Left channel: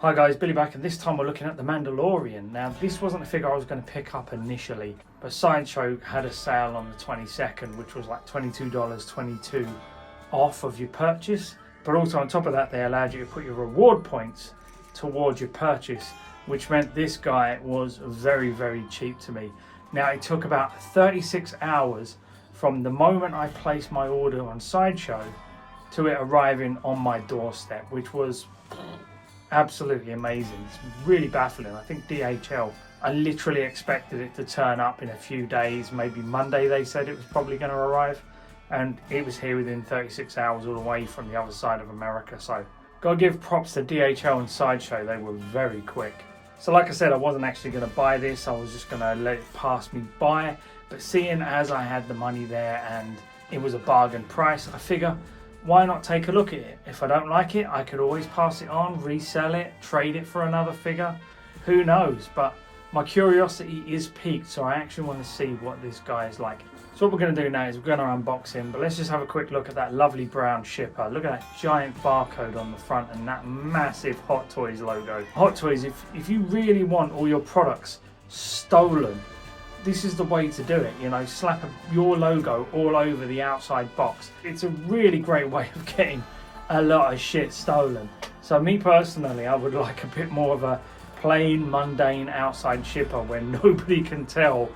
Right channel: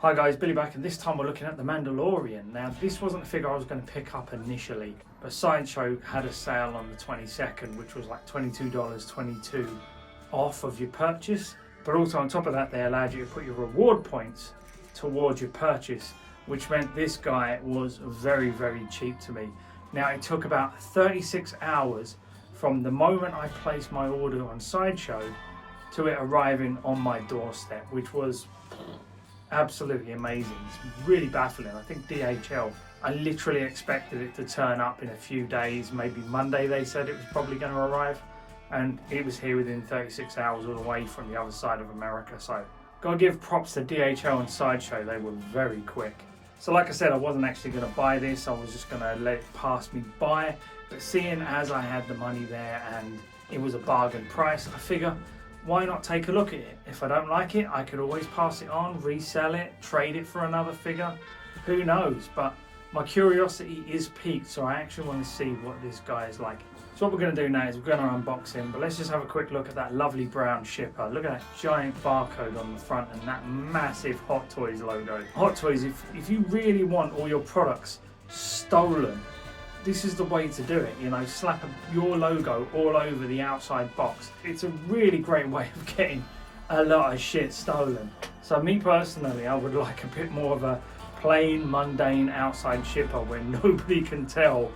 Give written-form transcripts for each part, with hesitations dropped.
Hi guys, Billy back, and this time we're looking at the Mandalorian. Now this wasn't a figure I was going to pick up initially, but Sideshow had a sale on the 22nd, which was like $22.22 off of your purchase. But also on top of that, they allowed you to put your reward points towards your purchase, which meant this guy was very, very cheap to me. Now it took about 36 hours from the moment I placed my order on Sideshow to it arriving on my doorstep, which was absolutely amazing. It's really baffling. I think DHL, I literally expected it to turn up in a few days, maybe Monday they said it was probably going to arrive, and it was here within 36 hours all the way from the other side of America. So gotta give props to DHL and Sideshow, they were very quick. So like I said, I wasn't actually going to buy this, I was just going to let it pass me by, but seeing as I had the money there and it was a bargain price, I figure why not take a look at it? If I don't like it, I could always pass it on, resell it, trade it for another figure. Who knows? But my curiosity is piqued, so I actually want to see what this guy is like. So what we're going to do now is we're going to unbox him, but let's just have a quick look at that lovely brown shipper. Look at that giant barcode on the front and that massive Hot Toys logo. Hot Toys, if you really want all your products stolen, this is the way to do it, you know, slap your logo all over the outside box. It's a really great way of getting a lot of shit stolen. So me personally, I would like a bit more of a plain, mundane outside shipper where nobody can tell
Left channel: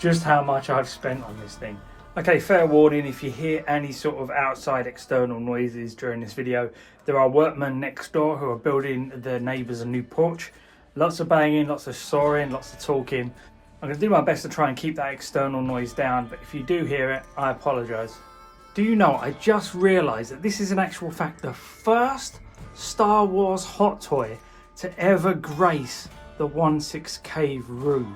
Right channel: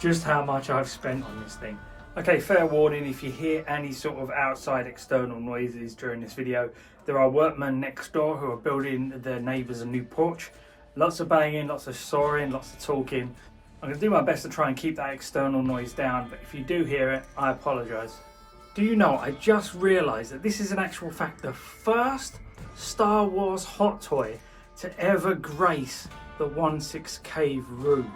just how much I've spent on this thing. Okay, fair warning, if you hear any sort of outside external noises during this video, there are workmen next door who are building their neighbours a new porch. Lots of banging, lots of sawing, lots of talking. I'm going to do my best to try and keep that external noise down, but if you do hear it, I apologise. Do you know, I just realised that this is in actual fact the first Star Wars hot toy to ever grace the 1/6 cave room.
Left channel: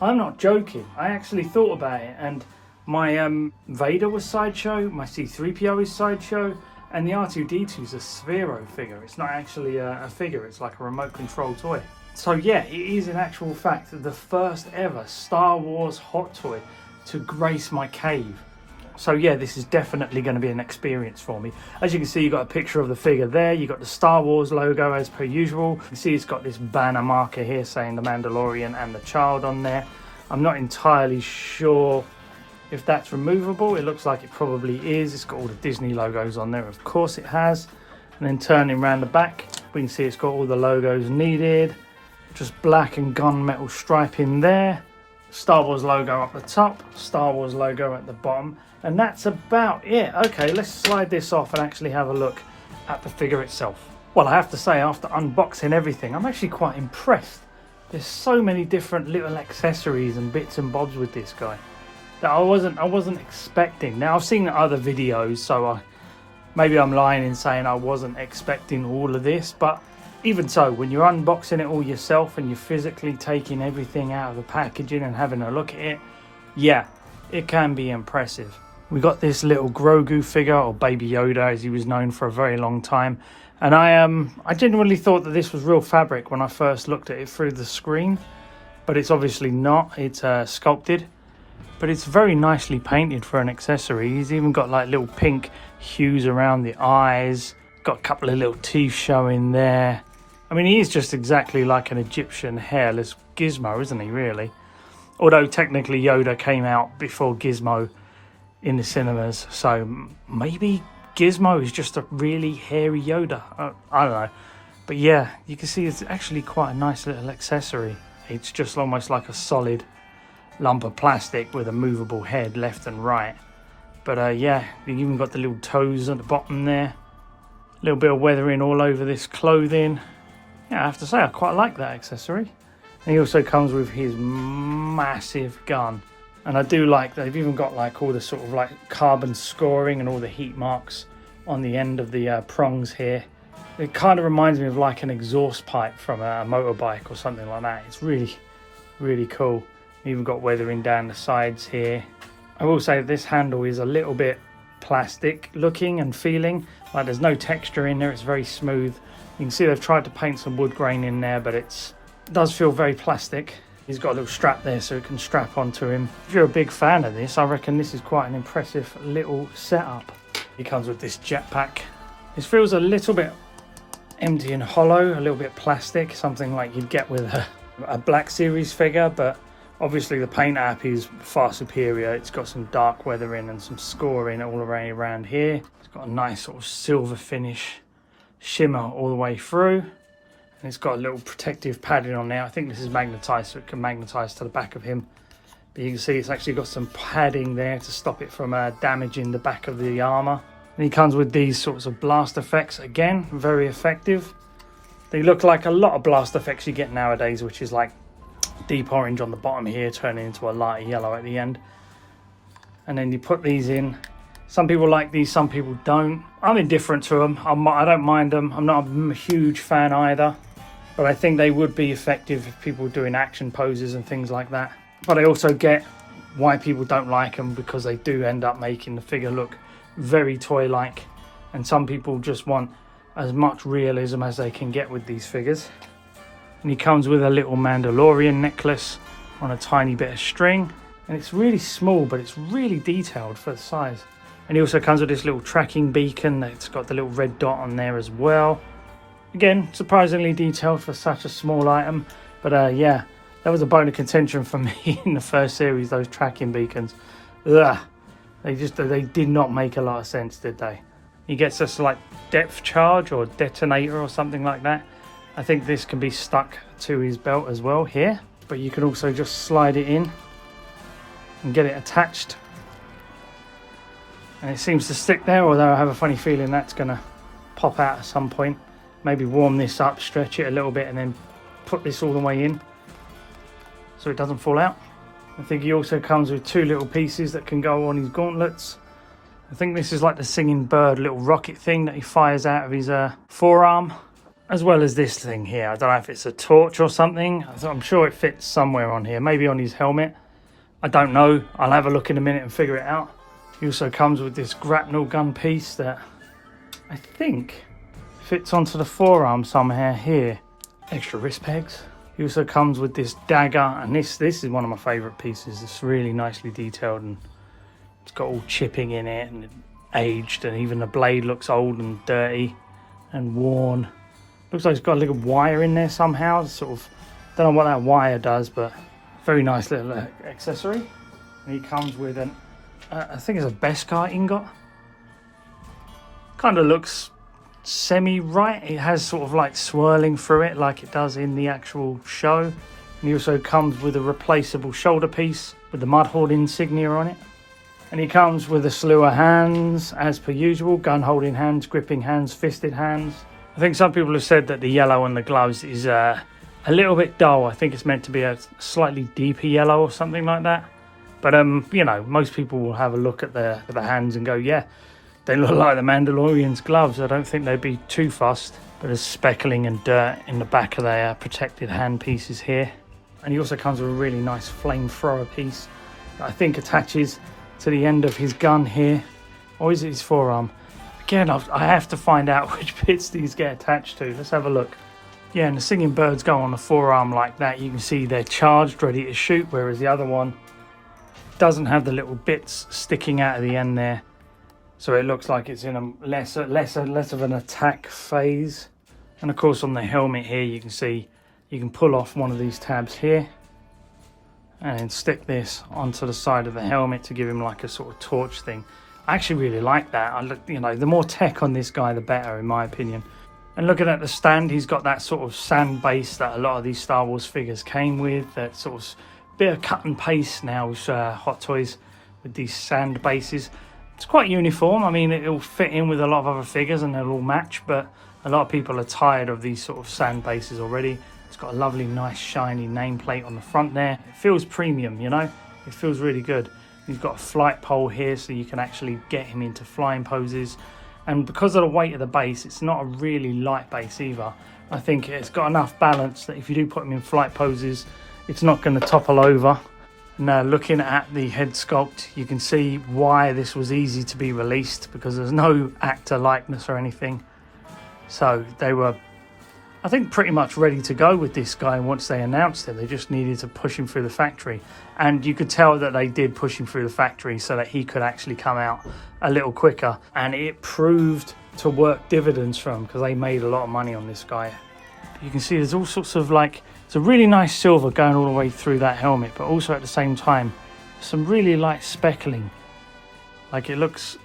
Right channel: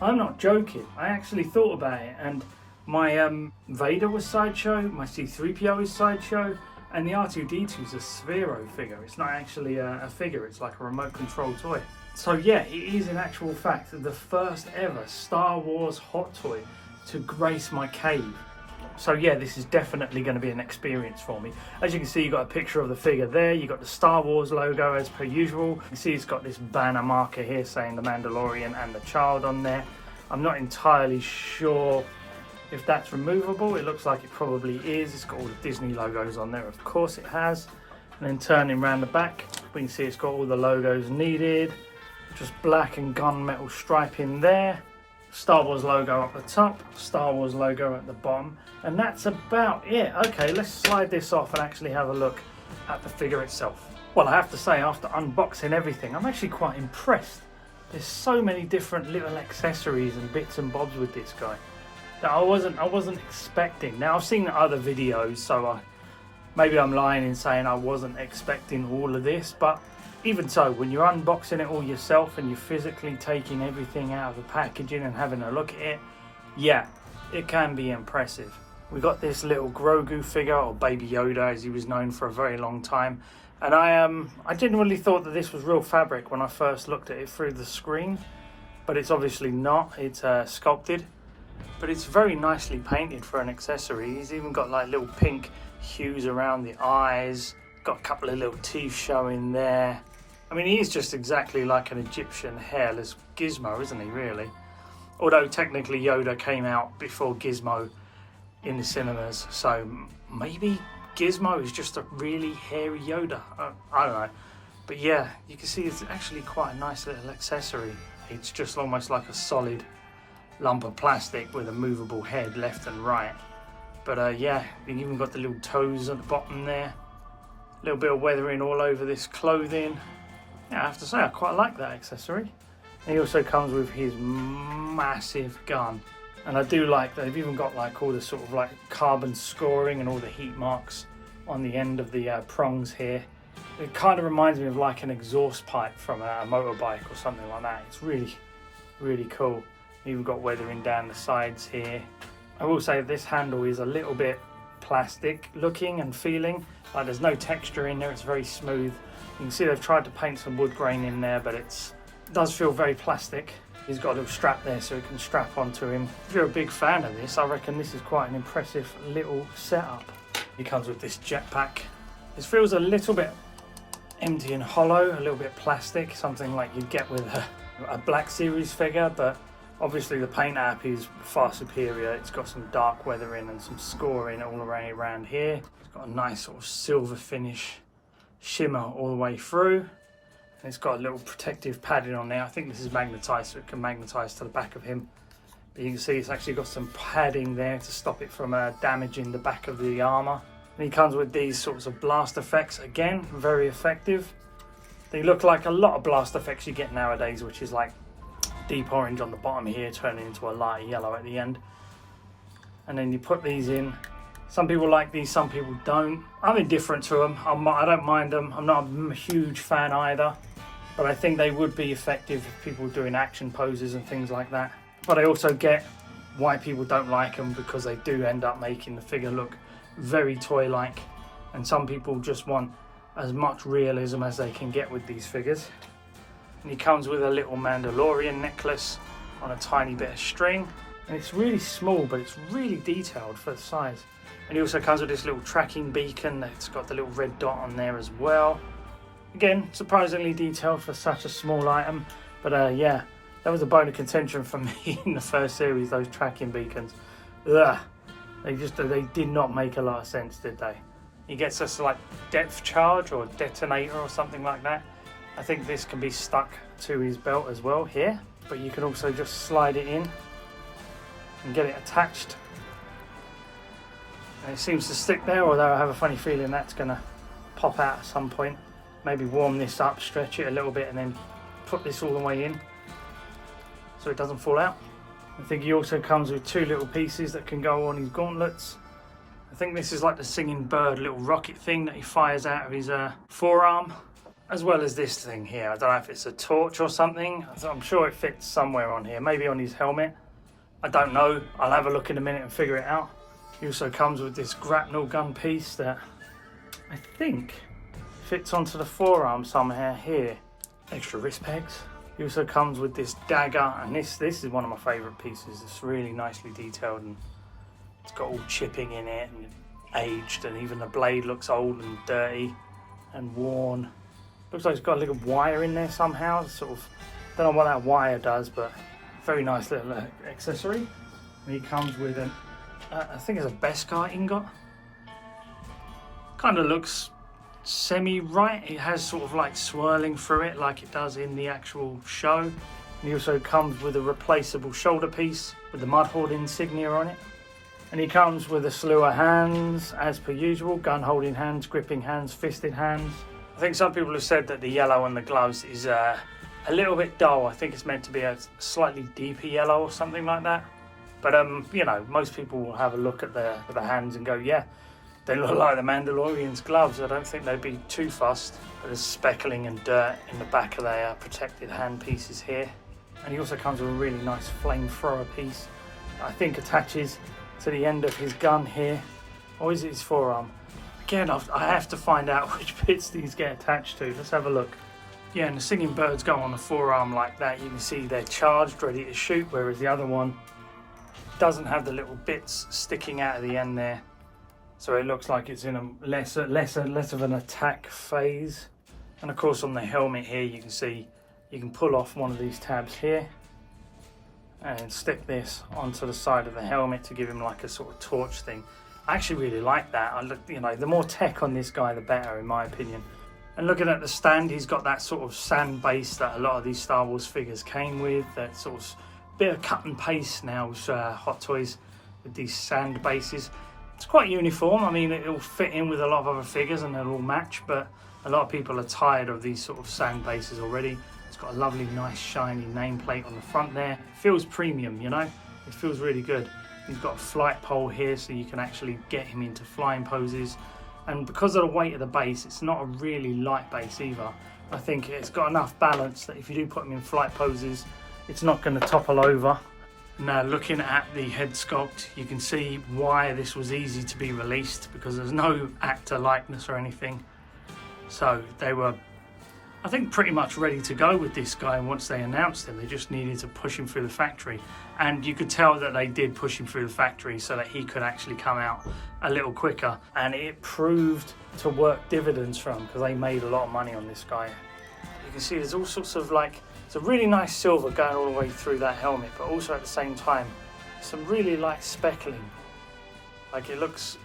I'm not joking, I actually thought about it, and my Vader was Sideshow, my C-3PO is Sideshow, and the R2-D2 is a Sphero figure. It's not actually a figure, it's like a remote control toy. So yeah, it is in actual fact the first ever Star Wars hot toy to grace my cave. So yeah, this is definitely going to be an experience for me. As you can see, you've got a picture of the figure there. You've got the Star Wars logo as per usual. You can see it's got this banner marker here saying the Mandalorian and the child on there. I'm not entirely sure if that's removable. It looks like it probably is. It's got all the Disney logos on there, of course it has. And then turning around the back, we can see it's got all the logos needed. Just black and gunmetal striping there. Star Wars logo up the top, Star Wars logo at the bottom, and that's about it. Okay, let's slide this off and actually have a look at the figure itself. Well, I have to say, after unboxing everything, I'm actually quite impressed. There's so many different little accessories and bits and bobs with this guy that I wasn't expecting. Now I've seen other videos, so maybe I'm lying in saying I wasn't expecting all of this, but even so, when you're unboxing it all yourself and you're physically taking everything out of the packaging and having a look at it, yeah, it can be impressive. We got this little Grogu figure, or Baby Yoda as he was known for a very long time, and I genuinely thought that this was real fabric when I first looked at it through the screen, but it's obviously not. It's sculpted, but it's very nicely painted for an accessory. He's even got like little pink hues around the eyes, got a couple of little teeth showing there. I mean, he is just exactly like an Egyptian hairless Gizmo, isn't he, really? Although technically Yoda came out before Gizmo in the cinemas, so maybe Gizmo is just a really hairy Yoda. I don't know. But yeah, you can see it's actually quite a nice little accessory. It's just almost like a solid lump of plastic with a movable head left and right. But yeah, you've even got the little toes at the bottom there. A little bit of weathering all over this clothing. Yeah, I have to say, I quite like that accessory. And he also comes with his massive gun. And I do like that they've even got like all the sort of like carbon scoring and all the heat marks on the end of the prongs here. It kind of reminds me of like an exhaust pipe from a motorbike or something like that. It's really, really cool. Even got weathering down the sides here. I will say this handle is a little bit plastic looking and feeling, like there's no texture in there. It's very smooth. You can see they've tried to paint some wood grain in there, but it does feel very plastic. He's got a little strap there so it can strap onto him. If you're a big fan of this, I reckon this is quite an impressive little setup. He comes with this jetpack. This feels a little bit empty and hollow, a little bit plastic, something like you'd get with a Black Series figure, but obviously the paint app is far superior. It's got some dark weathering and some scoring all around here. It's got a nice sort of silver finish shimmer all the way through. And it's got a little protective padding on there. I think this is magnetized, so it can magnetize to the back of him. But you can see it's actually got some padding there to stop it from damaging the back of the armor. And he comes with these sorts of blast effects, again, very effective. They look like a lot of blast effects you get nowadays, which is like deep orange on the bottom here, turning into a lighter yellow at the end. And then you put these in. Some people like these, some people don't. I'm indifferent to them. I don't mind them. I'm not a huge fan either, but I think they would be effective if people were doing action poses and things like that. But I also get why people don't like them, because they do end up making the figure look very toy-like, and some people just want as much realism as they can get with these figures. And he comes with a little Mandalorian necklace on a tiny bit of string, and it's really small, but it's really detailed for the size. And he also comes with this little tracking beacon that's got the little red dot on there as well. Again, surprisingly detailed for such a small item, but yeah, that was a bone of contention for me in the first series, those tracking beacons. Ugh. They did not make a lot of sense, did they? He gets a slight depth charge or detonator or something like that. I think this can be stuck to his belt as well here, but you can also just slide it in and get it attached. And it seems to stick there, although I have a funny feeling that's going to pop out at some point. Maybe warm this up, stretch it a little bit, and then put this all the way in so it doesn't fall out. I think he also comes with two little pieces that can go on his gauntlets. I think this is like the singing bird little rocket thing that he fires out of his forearm, as well as this thing here. I don't know if it's a torch or something. I'm sure it fits somewhere on here, maybe on his helmet. I don't know. I'll have a look in a minute and figure it out. He also comes with this grapnel gun piece that I think fits onto the forearm somehow here. Extra wrist pegs. He also comes with this dagger, and this is one of my favourite pieces. It's really nicely detailed, and it's got all chipping in it and aged, and even the blade looks old and dirty and worn. Looks like it's got a little wire in there somehow. Sort of, don't know what that wire does, but very nice little accessory. And he comes with an, I think it's a Beskar ingot. Kind of looks semi-right. It has sort of like swirling through it like it does in the actual show. And he also comes with a replaceable shoulder piece with the Mudhorde insignia on it. And he comes with a slew of hands as per usual: gun holding hands, gripping hands, fisted hands. I think some people have said that the yellow on the gloves is a little bit dull. I think it's meant to be a slightly deeper yellow or something like that. But you know, most people will have a look at the hands and go, yeah, they look like the Mandalorian's gloves. I don't think they'd be too fussed. But there's speckling and dirt in the back of their protected hand pieces here. And he also comes with a really nice flamethrower piece that I think attaches to the end of his gun here. Or is it his forearm? Again, I have to find out which bits these get attached to. Let's have a look. Yeah, and the singing birds go on the forearm like that. You can see they're charged, ready to shoot, whereas the other one doesn't have the little bits sticking out of the end there. So it looks like it's in a less of an attack phase. And of course on the helmet here you can see you can pull off one of these tabs here and then stick this onto the side of the helmet to give him like a sort of torch thing. I actually really like that. You know, the more tech on this guy the better, in my opinion. And looking at the stand, he's got that sort of sand base that a lot of these Star Wars figures came with. That sort of bit of cut and paste now with Hot Toys with these sand bases. It's quite uniform. I mean, it'll fit in with a lot of other figures and they'll all match, but a lot of people are tired of these sort of sand bases already. It's got a lovely, nice, shiny nameplate on the front there. It feels premium, you know? It feels really good. You've got a flight pole here so you can actually get him into flying poses. And because of the weight of the base, it's not a really light base either. I think it's got enough balance that if you do put him in flight poses, it's not going to topple over. Now, looking at the head sculpt, you can see why this was easy to be released, because there's no actor likeness or anything. So they were I think pretty much ready to go with this guy. Once they announced him, they just needed to push him through the factory, and you could tell that they did push him through the factory so that he could actually come out a little quicker, and it proved to work dividends for them because they made a lot of money on this guy. You can see there's all sorts of like, it's a really nice silver going all the way through that helmet, but also at the same time some really light speckling. Like it looks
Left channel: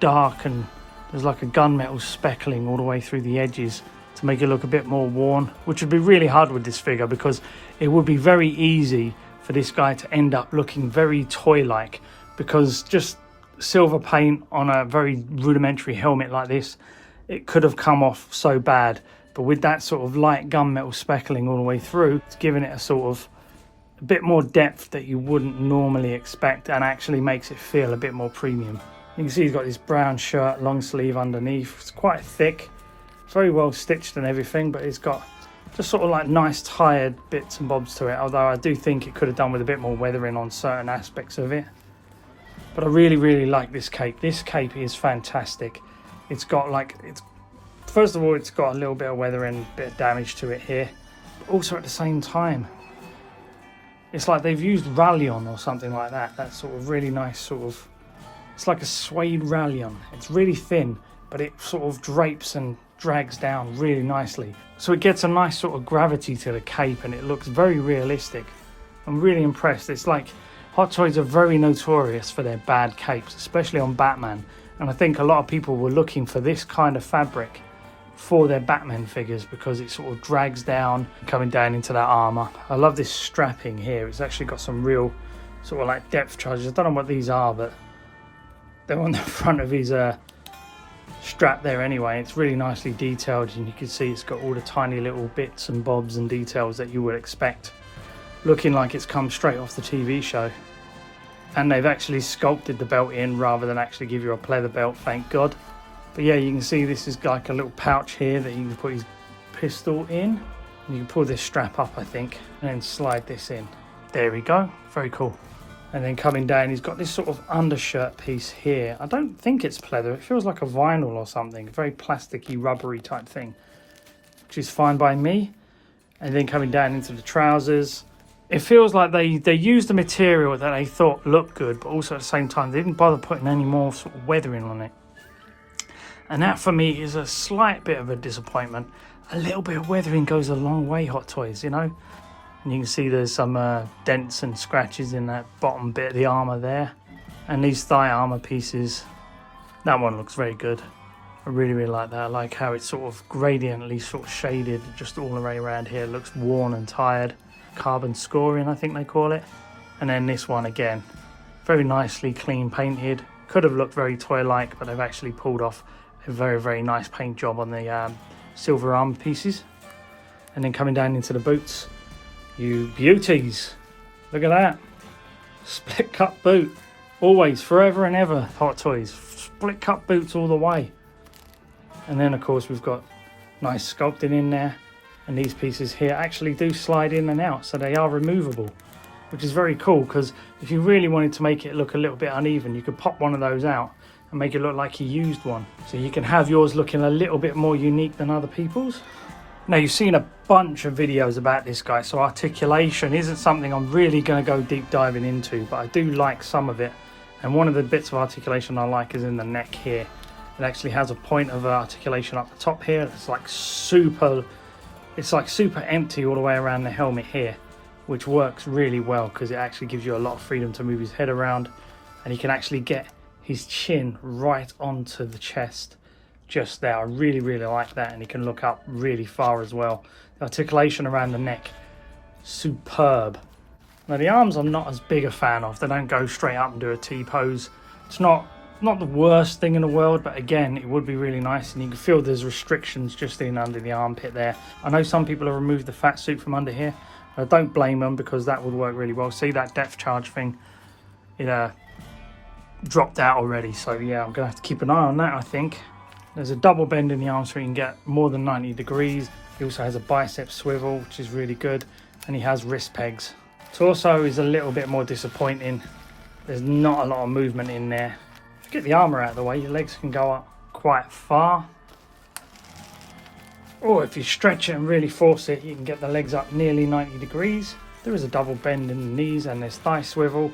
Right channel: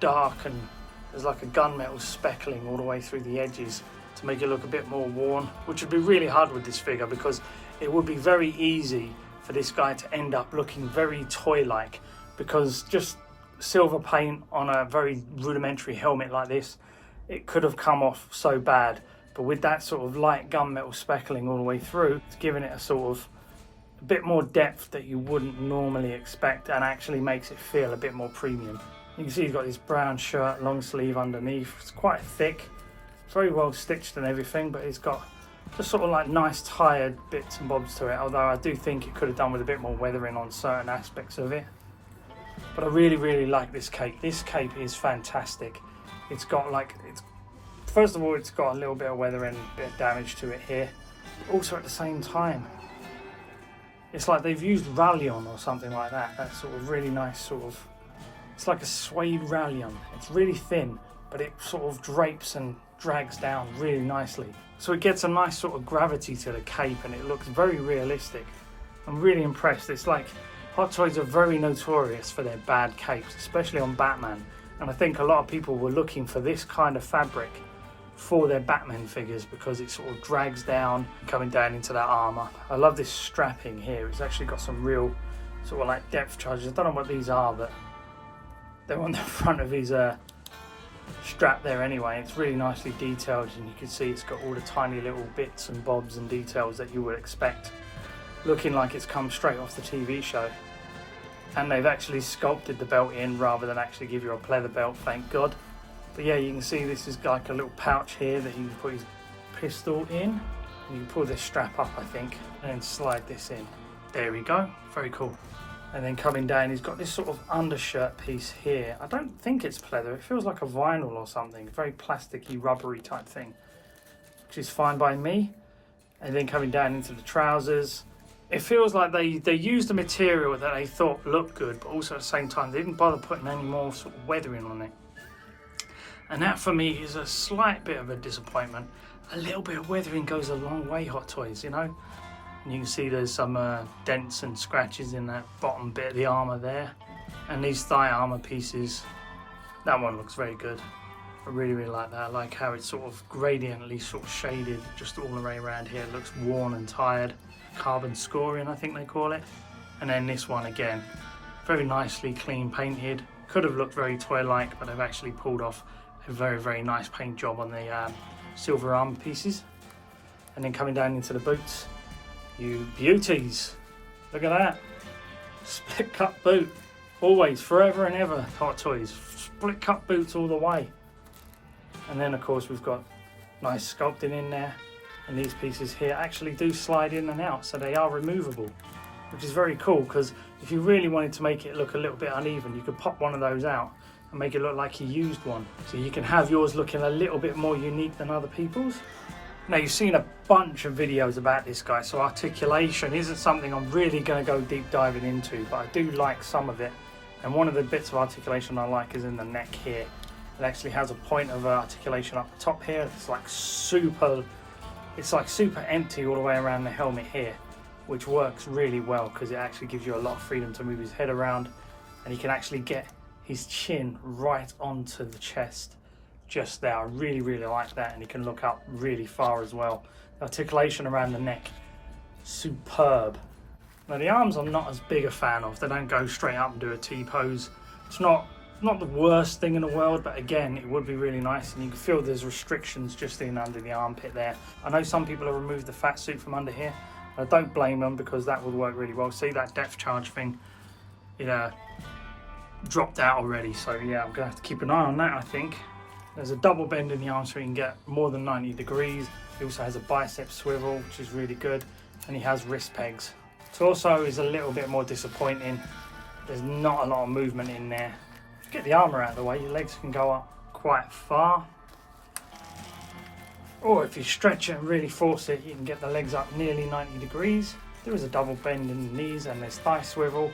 dark, and there's like a gunmetal speckling all the way through the edges to make it look a bit more worn, which would be really hard with this figure because it would be very easy for this guy to end up looking very toy-like, because just silver paint on a very rudimentary helmet like this, it could have come off so bad. But with that sort of light gunmetal speckling all the way through, it's giving it a sort of a bit more depth that you wouldn't normally expect, and actually makes it feel a bit more premium. You can see he's got this brown shirt, long sleeve underneath. It's quite thick, very well stitched and everything, but it's got just sort of like nice tired bits and bobs to it, although I do think it could have done with a bit more weathering on certain aspects of it. But I really like this cape. This cape is fantastic. It's got like, first of all, it's got a little bit of weathering, a bit of damage to it here. Also at the same time, it's like they've used rayon or something like that. That sort of really nice sort of, it's like a suede rayon. It's really thin, but it sort of drapes and drags down really nicely. So it gets a nice sort of gravity to the cape, and it looks very realistic. I'm really impressed. It's like Hot Toys are very notorious for their bad capes, especially on Batman. And I think a lot of people were looking for this kind of fabric for their Batman figures because it sort of drags down, coming down into that armor. I love this strapping here. It's actually got some real sort of like depth charges. I don't know what these are, but they're on the front of his strap there anyway. It's really nicely detailed, and you can see it's got all the tiny little bits and bobs and details that you would expect, looking like it's come straight off the TV show. And they've actually sculpted the belt in rather than actually give you a pleather belt, thank God. But yeah, you can see this is like a little pouch here that you can put his pistol in. You can pull this strap up, I think, and then slide this in. There we go, very cool. And then coming down, he's got this sort of undershirt piece here. I don't think it's pleather, it feels like a vinyl or something, very plasticky, rubbery type thing, which is fine by me. And then coming down into the trousers, it feels like they used a material that they thought looked good, but also at the same time they didn't bother putting any more sort of weathering on it. And that for me is a slight bit of a disappointment. A little bit of weathering goes a long way, Hot Toys, you know. And you can see there's some dents and scratches in that bottom bit of the armour there. And these thigh armour pieces, that one looks very good. I really like that. I like how it's sort of gradiently sort of shaded just all the way around here. It looks worn and tired. Carbon scoring, I think they call it. And then this one again, very nicely clean painted. Could have looked very toy-like, but they've actually pulled off a very nice paint job on the silver arm pieces. And then coming down into the boots, you beauties, look at that, split cut boot, always, forever and ever, Hot Toys, split cut boots all the way. And then of course we've got nice sculpting in there, and these pieces here actually do slide in and out, so they are removable, which is very cool, because if you really wanted to make it look a little bit uneven, you could pop one of those out and make it look like you used one, so you can have yours looking a little bit more unique than other people's. Now, you've seen a bunch of videos about this guy, so articulation isn't something I'm really going to go deep diving into, but I do like some of it. And one of the bits of articulation I like is in the neck here. It actually has a point of articulation up the top here. It's like super empty all the way around the helmet here, which works really well because it actually gives you a lot of freedom to move his head around, and he can actually get his chin right onto the chest. Just there, I really like that, and he can look up really far as well. The articulation around the neck, superb. Now the arms I'm not as big a fan of. They don't go straight up and do a T-pose. It's not the worst thing in the world, but again, it would be really nice, and you can feel there's restrictions just in under the armpit there. I know some people have removed the fat suit from under here, but I don't blame them because that would work really well. See that depth charge thing? It dropped out already, so yeah, I'm gonna have to keep an eye on that, I think. There's a double bend in the arm so you can get more than 90 degrees. He also has a bicep swivel, which is really good, and he has wrist pegs. Torso is a little bit more disappointing. There's not a lot of movement in there. If you get the armour out of the way, your legs can go up quite far. Or if you stretch it and really force it, you can get the legs up nearly 90 degrees. There is a double bend in the knees and there's thigh swivel,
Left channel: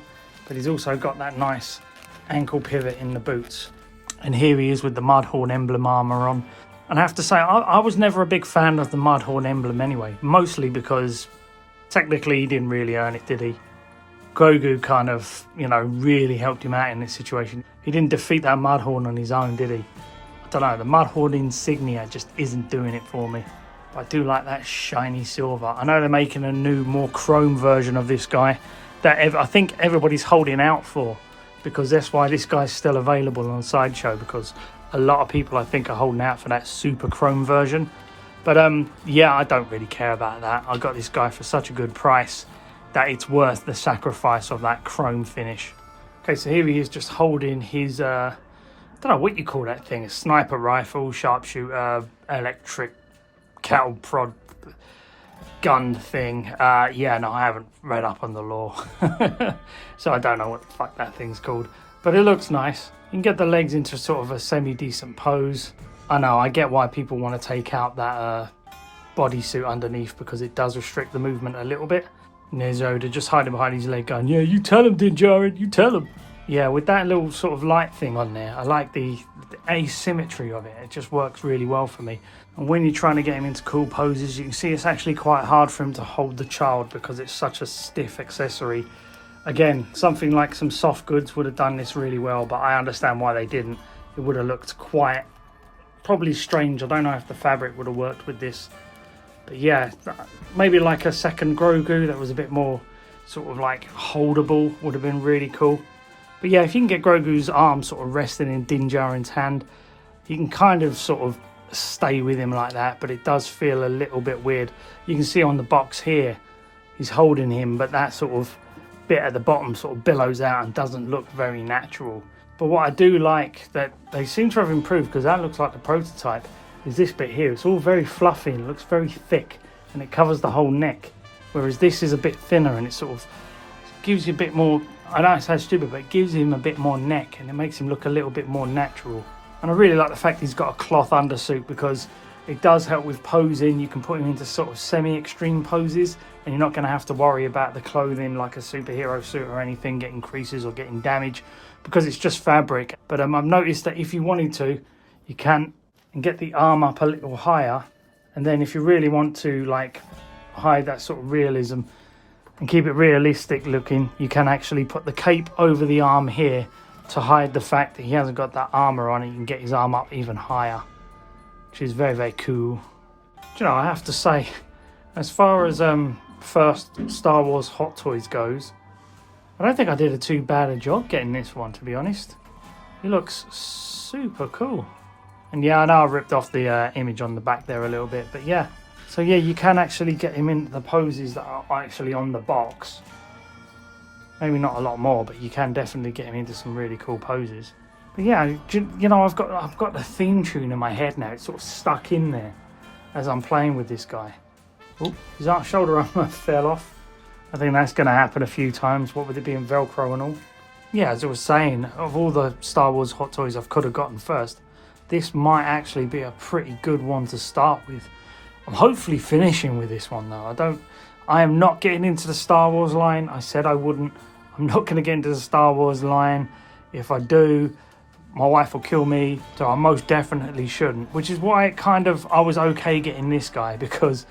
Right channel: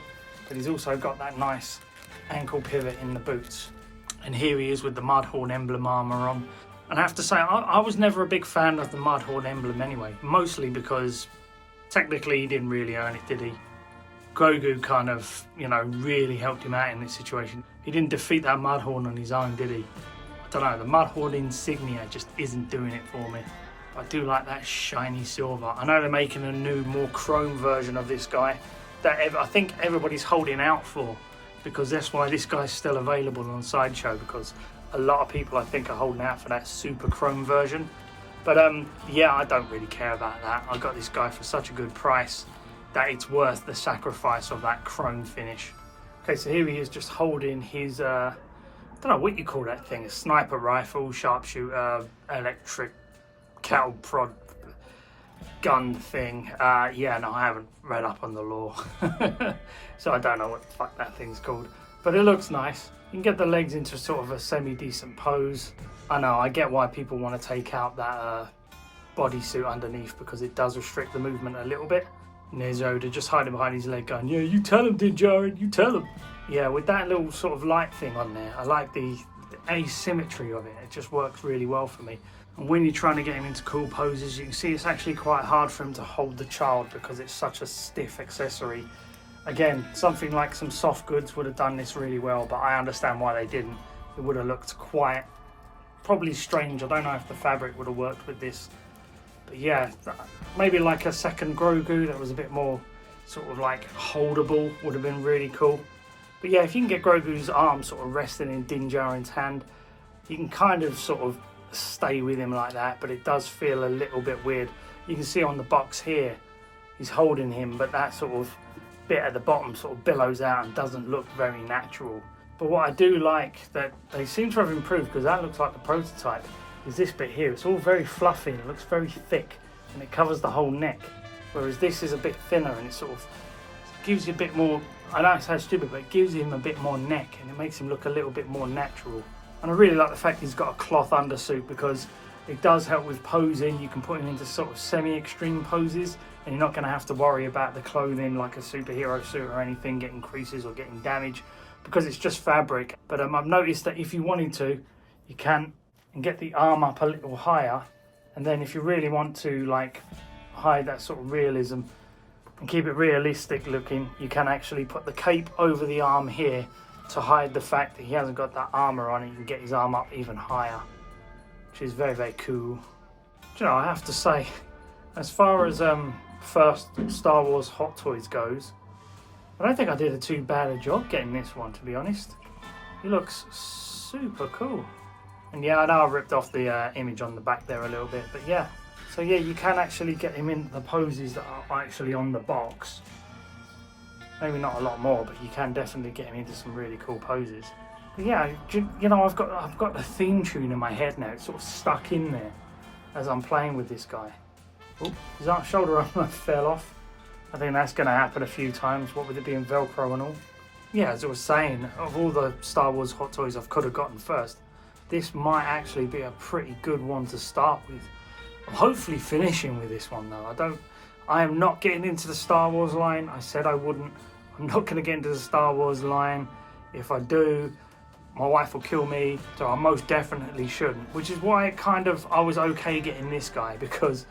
but he's also got that nice ankle pivot in the boots. And here he is with the Mudhorn emblem armour on. And I have to say, I was never a big fan of the Mudhorn emblem anyway, mostly because technically he didn't really earn it, did he? Grogu kind of, really helped him out in this situation. He didn't defeat that Mudhorn on his own, did he? I don't know, the Mudhorn insignia just isn't doing it for me. I do like that shiny silver. I know they're making a new, more chrome version of this guy that I think everybody's holding out for, because that's why this guy's still available on Sideshow, because a lot of people I think are holding out for that super chrome version. But yeah, I don't really care about that. I got this guy for such a good price that it's worth the sacrifice of that chrome finish. Okay, so here he is just holding his, I don't know what you call that thing, a sniper rifle, sharpshooter, electric cattle prod gun thing. Yeah, no, I haven't read up on the lore. So I don't know what the fuck that thing's called. But it looks nice. You can get the legs into sort of a semi-decent pose. I know, I get why people want to take out that bodysuit underneath, because it does restrict the movement a little bit. And there's Yoda just hiding behind his leg going, yeah, you tell him, Din Djarin, you tell him. Yeah, with that little sort of light thing on there, I like the asymmetry of it. It just works really well for me. And when you're trying to get him into cool poses, you can see it's actually quite hard for him to hold the child because it's such a stiff accessory. Again, something like some soft goods would have done this really well, but I understand why they didn't. It would have looked quite, probably strange. I don't know if the fabric would have worked with this. But yeah, maybe like a second Grogu that was a bit more sort of like holdable would have been really cool. But yeah, if you can get Grogu's arm sort of resting in Din Djarin's hand, you can kind of sort of stay with him like that, but it does feel a little bit weird. You can see on the box here, he's holding him, but that sort of bit at the bottom sort of billows out and doesn't look very natural. But what I do like that they seem to have improved, because that looks like the prototype, is this bit here. It's all very fluffy and it looks very thick and it covers the whole neck, whereas this is a bit thinner and it sort of gives you a bit more, I know it sounds stupid, but it gives him a bit more neck and it makes him look a little bit more natural. And I really like the fact he's got a cloth undersuit, because it does help with posing. You can put him into sort of semi-extreme poses and you're not going to have to worry about the clothing like a superhero suit or anything getting creases or getting damage, because it's just fabric. But I've noticed that if you wanted to, you can and get the arm up a little higher, and then if you really want to like hide that sort of realism and keep it realistic looking, you can actually put the cape over the arm here to hide the fact that he hasn't got that armor on. You can get his arm up even higher, which is very, very cool. Do you know, I have to say, as far as first Star Wars Hot Toys goes, I don't think I did a too bad a job getting this one, to be honest. It looks super cool. And yeah, I know I ripped off the image on the back there a little bit, but yeah. So yeah, you can actually get him in the poses that are actually on the box. Maybe not a lot more, but you can definitely get him into some really cool poses. But yeah, you know, I've got the theme tune in my head now. It's sort of stuck in there as I'm playing with this guy. Ooh, his shoulder armor fell off. I think that's going to happen a few times, what with it being Velcro and all. Yeah, as I was saying, of all the Star Wars Hot Toys I could have gotten first, this might actually be a pretty good one to start with. I'm hopefully finishing with this one though. I am not getting into the Star Wars line. I said I wouldn't. I'm not going to get into the Star Wars line. If I do, my wife will kill me, so I most definitely shouldn't. Which is why I was okay getting this guy, because,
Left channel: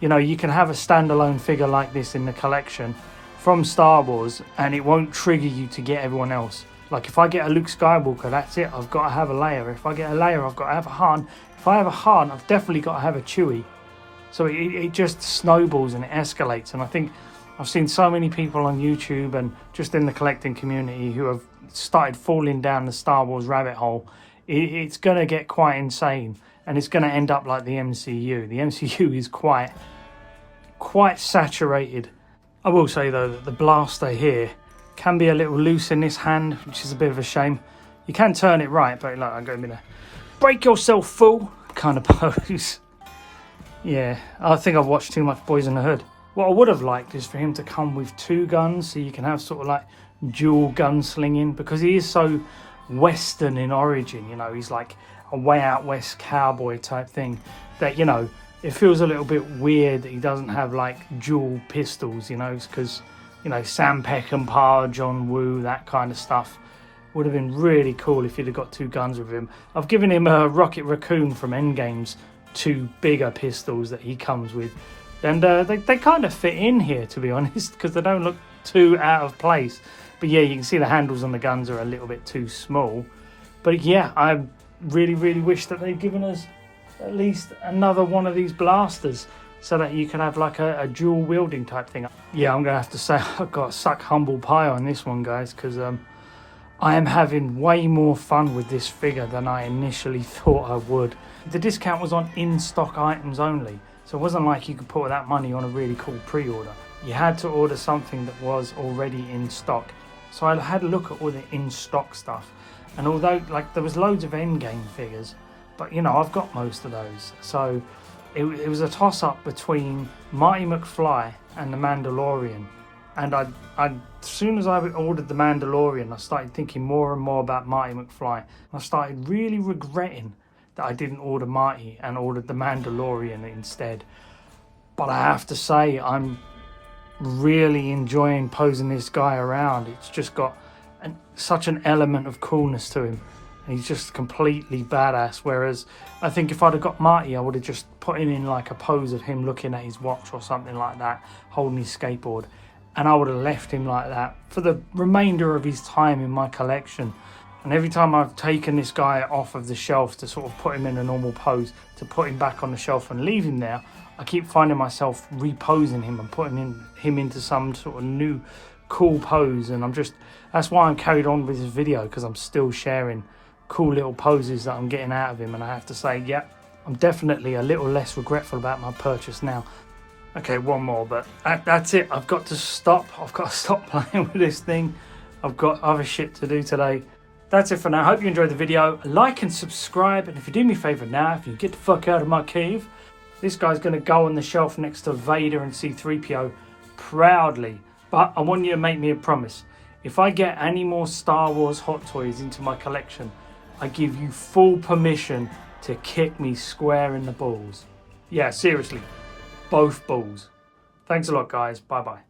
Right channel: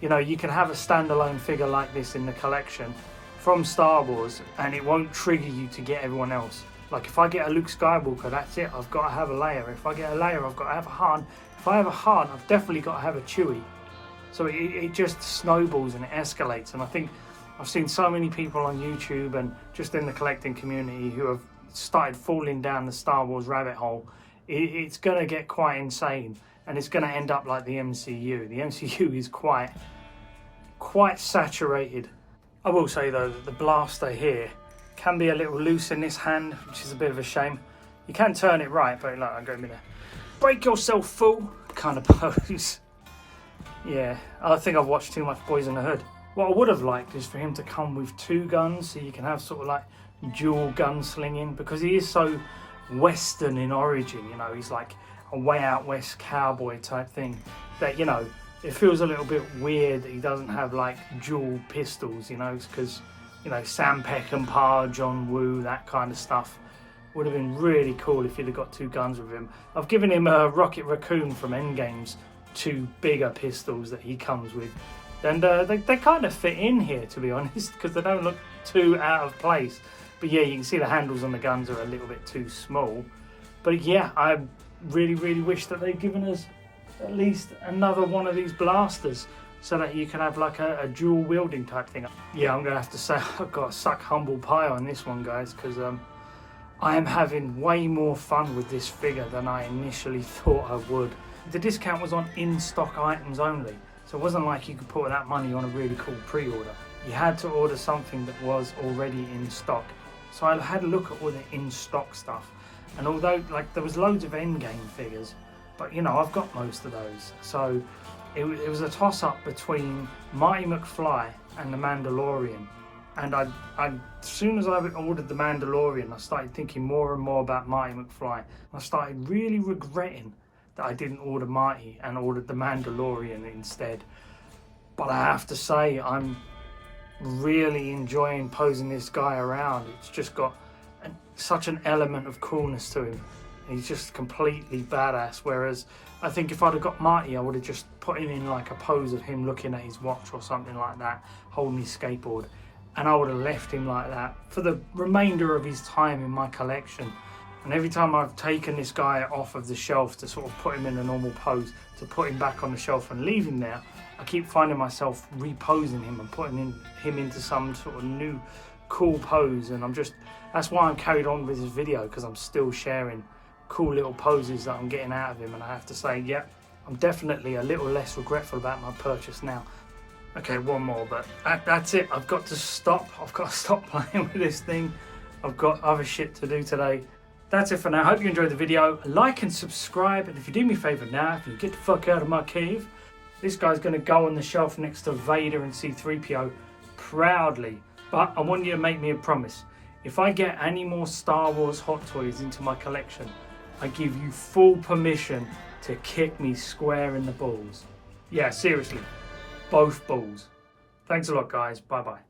you know, you can have a standalone figure like this in the collection from Star Wars and it won't trigger you to get everyone else. Like if I get a Luke Skywalker, that's it, I've got to have a Leia. If I get a Leia, I've got to have a Han. If I have a Han, I've definitely got to have a Chewie. So it just snowballs and it escalates. And I think I've seen so many people on YouTube and just in the collecting community who have started falling down the Star Wars rabbit hole. It's going to get quite insane and it's going to end up like the MCU. The MCU is quite saturated. I will say though that the blaster here can be a little loose in this hand, which is a bit of a shame. You can turn it right, but like I'm going to break yourself fool kind of pose. Yeah, I think I've watched too much Boys in the Hood. What I would have liked is for him to come with two guns, so you can have sort of like dual gun slinging, because he is so Western in origin. You know, he's like a way out west cowboy type thing, that, you know, it feels a little bit weird that he doesn't have like dual pistols, you know, because, you know, Sam Peckinpah, John Woo, that kind of stuff would have been really cool if he'd have got 2 guns with him. I've given him a Rocket Raccoon from Endgame's 2 bigger pistols that he comes with, and they kind of fit in here, to be honest, because they don't look too out of place. But yeah, you can see the handles on the guns are a little bit too small. But yeah, I really wish that they'd given us at least another one of these blasters, so that you can have like a dual wielding type thing. Yeah, I'm gonna have to say I've got to suck humble pie on this one, guys, because I am having way more fun with this figure than I initially thought I would. The discount was on in-stock items only, so it wasn't like you could put that money on a really cool pre-order. You had to order something that was already in stock. So I had a look at all the in-stock stuff, and although like there was loads of Endgame figures, but you know, I've got most of those. So it was a toss-up between Marty McFly and the Mandalorian. And as soon as I ordered the Mandalorian, I started thinking more and more about Marty McFly. I started really regretting that I didn't order Marty and ordered the Mandalorian instead. But I have to say, I'm really enjoying posing this guy around. It's just got such an element of coolness to him. He's just completely badass. Whereas I think if I'd have got Marty, I would have just put him in like a pose of him looking at his watch or something like that, holding his skateboard. And I would have left him like that for the remainder of his time in my collection. And every time I've taken this guy off of the shelf to sort of put him in a normal pose, to put him back on the shelf and leave him there, I keep finding myself reposing him and putting him into some sort of new cool pose. And that's why I'm carried on with this video, because I'm still sharing cool little poses that I'm getting out of him. And I have to say, yeah, I'm definitely a little less regretful about my purchase now. Okay, one more, but that's it. I've got to stop. I've got to stop playing with this thing. I've got other shit to do today. That's it for now. Hope you enjoyed the video. Like and subscribe. And if you do me a favour now, if you get the fuck out of my cave, this guy's going to go on the shelf next to Vader and C-3PO proudly. But I want you to make me a promise. If I get any more Star Wars Hot Toys into my collection, I give you full permission to kick me square in the balls. Yeah, seriously. Both balls. Thanks a lot, guys. Bye-bye.